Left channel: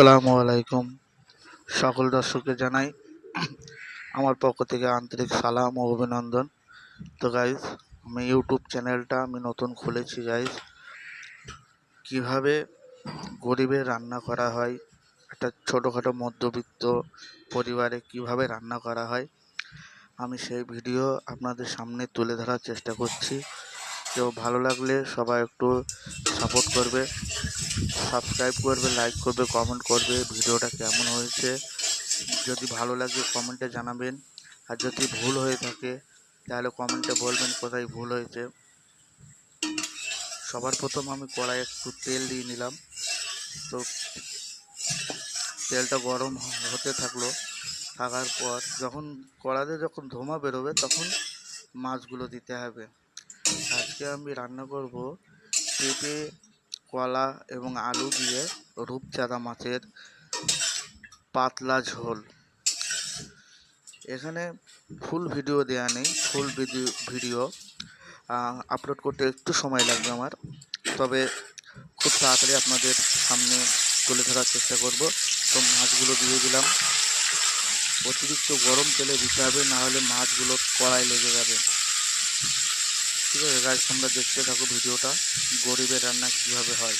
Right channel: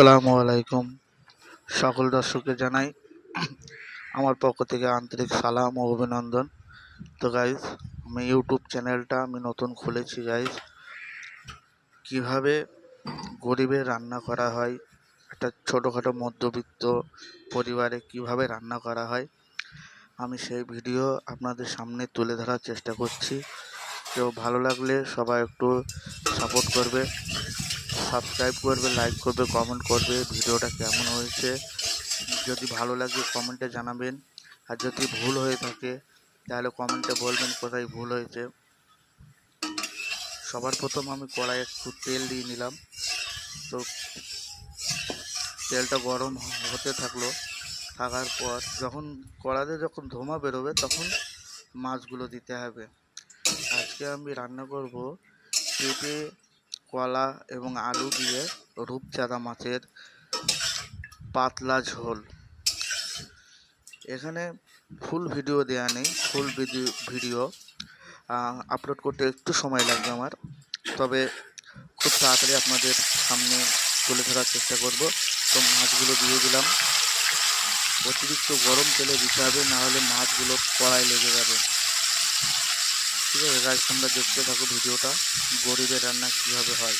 আসসালামু আলাইকুম। সকল দর্শককে জানাই আমার পক্ষ থেকে আন্তরিক সালাম ও অভিনন্দন। তো গাইজ, আমি ইউটিউব চ্যানেলটা নতুন খুলেছি গাইজ। কিভাবে গরিবের রান্না করা হয়, একটা ছোটোখাটো মধ্যবিত্ত পরিবারে কিভাবে রান্না করা হয়, আমি সেই ভিডিও আপনাদের সামনে তুলে ধরার চেষ্টা করছি। তো ভালো লাগলে সবাই একটু সাপোর্ট করবে, সাবস্ক্রাইব করবে, লাইক করবে, কমেন্ট করবে ভিডিওটা কেমন হয়েছে। যদি ভালো লাগে কমেন্টে জানাবেন, আর যদি ভুল হয়ে থাকে তাহলে কমেন্টে বলবেন কোথায় ভুল হয়েছে। সবার প্রথম আমি কড়াইয়ে একটু তেল দিয়ে নিলাম। তো তেলটা গরম হতে থাকার পর যখন কড়াতে ধোঁয়া বেরোবে তখন মাছগুলো দিতে হবে। আজকে আমি রান্না করব পেঁপে, কলা এবং আলু দিয়ে রূপচাঁদা মাছের পাতলা ঝোল। এখানে ফুল ভিডিও দেওয়া নেই, ফুল ভিডিও আপলোড করতে একটু সময় লাগবে আমার, তবে খুব তাড়াতাড়ি আপনাদের সামনে তুলে ধরার চেষ্টা করব। তো মাছগুলো দিয়ে দিলাম। অতিরিক্ত গরম তেলে দিতে হবে, না হলে মাছগুলো কড়াই লেগে যাবে। ঠিক আছে গাইস, তোমরা দেখতে থাকো ভিডিওটা, গরিবের রান্না কীভাবে হয়।